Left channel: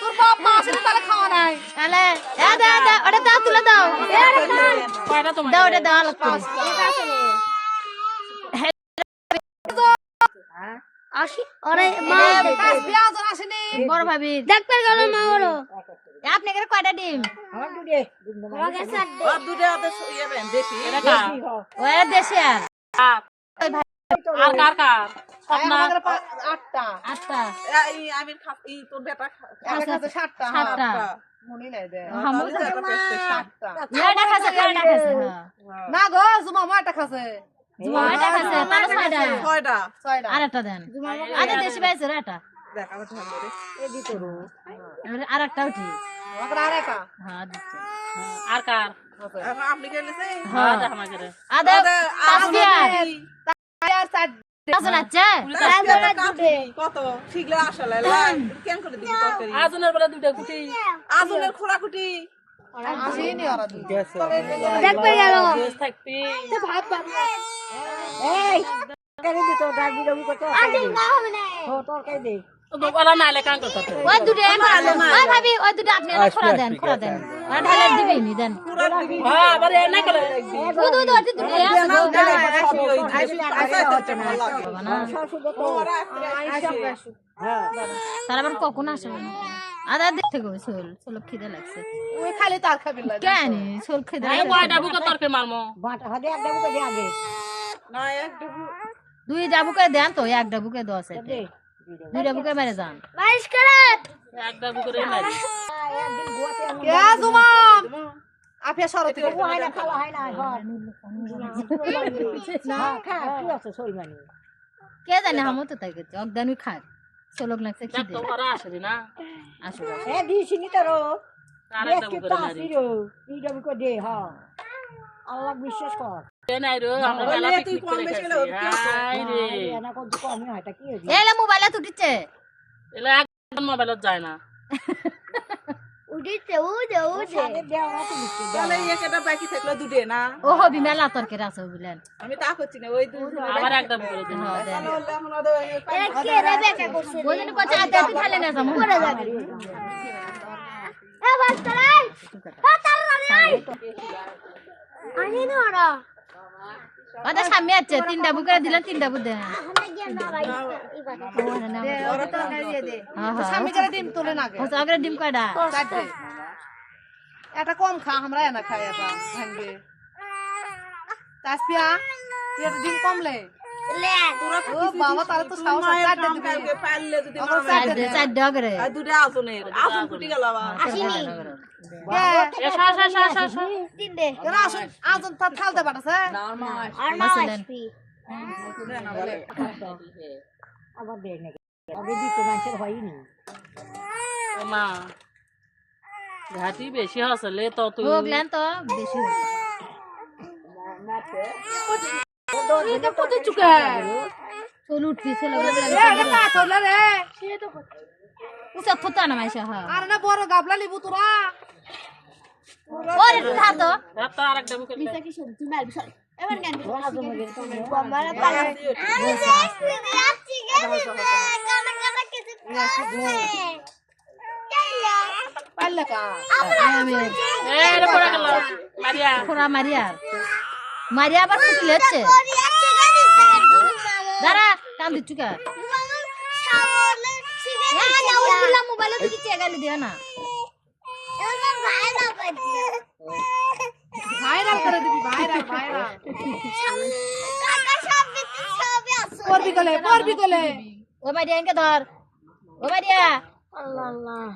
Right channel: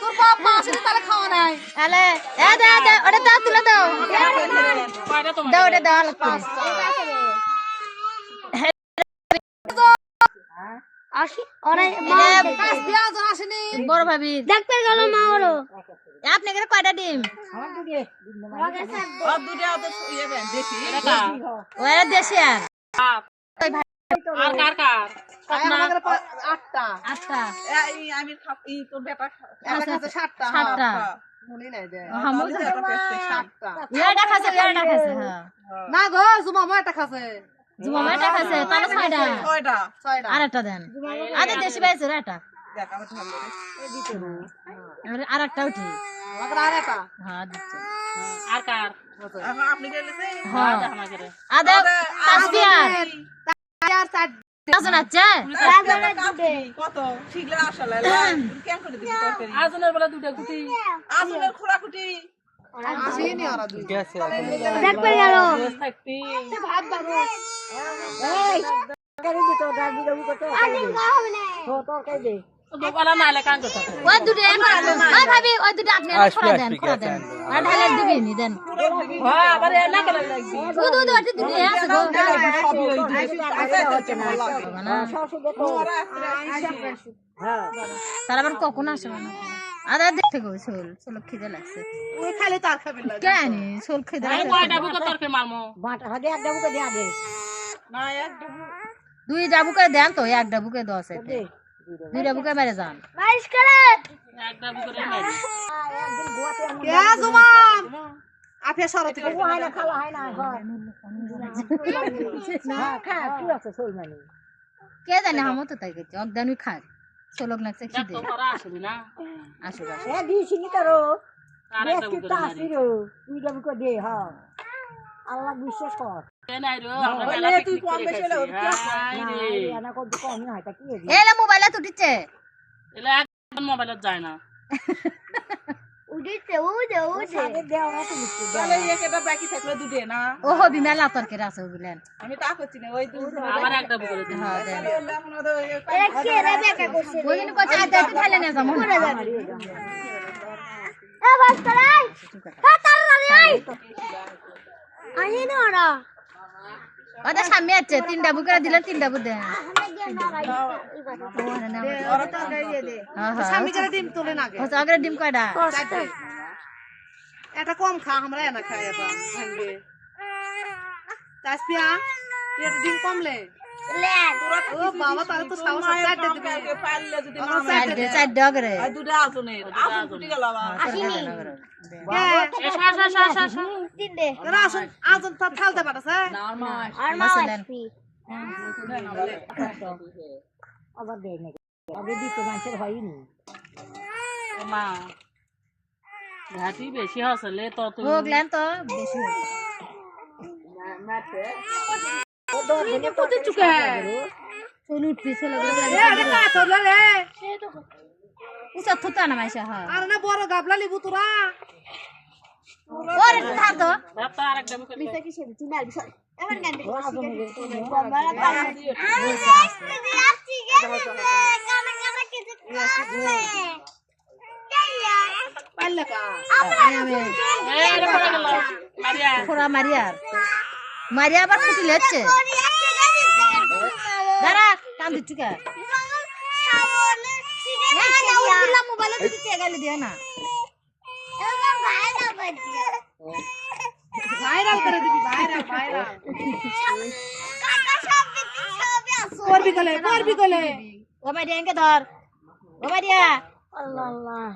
তোর বাপ মা আসলে তাহলে খাওয়া নাই আলে এ দে দে ওটা দাও তুলে দাও দাও ওটা দাও আলাদা করে আসি আরে মা কাজ পেঁয়াজ আসেনি বড় ভাবি ডাক্তার গেল না ওরো আপনি করে কয়টা ডিম ওরা দেশি আর আর কার কার আমাদের 8টা 8টা আমি তোর বেটা একটা খাতে 7টা 7টা মনে নাই দে হামু 7টা ইয়াটা খাসে হ্যাঁ না গো জুমা মা একটা খাসে জুমা এটা খাসে তাহলে 6টা 6টা আরেকটা দেন আরে দেশি বাইছে এটা দেখ আমি ধরে এই দিতে এবারে আরেকটা উঠি আমাদের আরেকটা হ্যাঁ দিচ্ছি আর কার আপনি গেলেছে হ্যাঁ দেখ আমাকে রে আদা তাসবিয়া আর 4 আজন আছে কত শিগলে আসলে কেন করে দিবি তরকারি আজনের বেলা দুইটা কুটি আজনের খোরা কুটি আসেনি ওরা দুই ডাক্তার গেল থাকতি ভাত বারো এই তরকারি দিতো ডাল দিলো কত তরকারি দে ও তরকারি দে বলা না লে কান কথা ওই দুটো করালো ওই ভাবি ওই দুটো আপনি না খরা দেন ওরা ঢালে দিবি নি দেন হ্যাঁ আবার না করে রাখবি দুধ দুধ দুটো আছে গো হচ্ছে না শাশু তো হ্যাঁ তার আবার কখন আসবে না আদা দেখতে গো সোল খিদে লাগছে ওই খালি তার খাবি লাগে কেন সোল খিদে এই কয়টা বুকে তরকারি মারমো বাটা হাতে এক ডাবুকে দে আগে না এক ডুবু দুই ডাবুকে দেন তো এক ডাবুকে 10 এতে দে দুই ডাবুকে মেরে যান বাইশ করে একটা বুকে রে মারি একদিন গোয়াতে কে জুমা আপে সরতি ও হয় না খাওয়া হয় না ঘর না খা কি আছে সলমানি কে জানে হামো তো তাই করছে অগদানুই খাক সোলক লাগছে খিদে তো করা আসলি না আসো এ দিছিনি তো রো আর বেশ একটা কি বুকে তাসি রো এই ডাবুকে দে হ্যাঁ আল্লাহ বিশ্বাস কর নাই রো আমরা বেলা তুই কম বেশি হলে না কত কমই হয় তা কি হইছে এলা মোবাইলে তুটিছে এলা একদম মোবাইলত যায় না উড়িতে উড়ে আগে দেও না তুমি তাহলে একটা বাকি থাকলো দুটে না ও হবি মেলা তরকারি আছে বিলেন আমি তা করছি না ওই দুই আবার একটা বুকে রে হ্যাঁ দেন এ কে রে বেকা করছে ওইদিন কইছে আদা তুই খাইলে না যামু করে যাবে এ বাস করাই কাটার লাই আই না ওরা ওটা সামনে আছে তিনটা বুকে দিলেন তিনটা বুক দেন আমরা গিয়ে না ভাই এই কথা ওরা তো খাইয়ে দে হ্যাঁ হ্যাঁ স্বামী করে ডিম তুলে না গে হচ্ছে আগে ডিম কয়টা চারটে এটা কম খা আমরা এনা খাই এটা ভাঙ্গে তাসপিয়া তুই এটা ডিম কমলে লে ও বাবা তারে তো সাহস চারটে দিবে পারলে যদি চার ডগ রে আর দুটো আসনের আসন ফুটি গেল আবার আসিনি এ সা সা সা সা সা দিন দে এরা আসুন আজন ফালতে পারছে আর মা আসবি আবার দে নাকি আগে দিতে মানুষের হয়নি মা ঘাটি বেশি হসলে তো তুই হোগলেন তো বেশি এটা কত চুকে চল উঠবি চলে এটা কা তোলে রে উসা থুতা না মাইসা হ্যাঁ আর না বড় গাবলা লিবু তোরা ওরে ধর তো তো আরেকটা বুকে বিসা কি শুন তুই মারবি সর এবার জ্ঞান দিবি বম্বারা পালা আসছি গেছে কানা কানা কিছু পাল্লা কা এ রে পড়া গেল মারিয়া খোরা মারিয়ার মারিয়া আবার ফুটি লেচ্ছে দাঁড়া কান দিচ্ছু কা মোবাইলে দিকে চেগাইলে দিও না ভাইরাল করে দিবি ভাইরাল করবি গলে ও মারিয়া এনকে ধর ও মারিয়া আল্লাহ আল্লাহ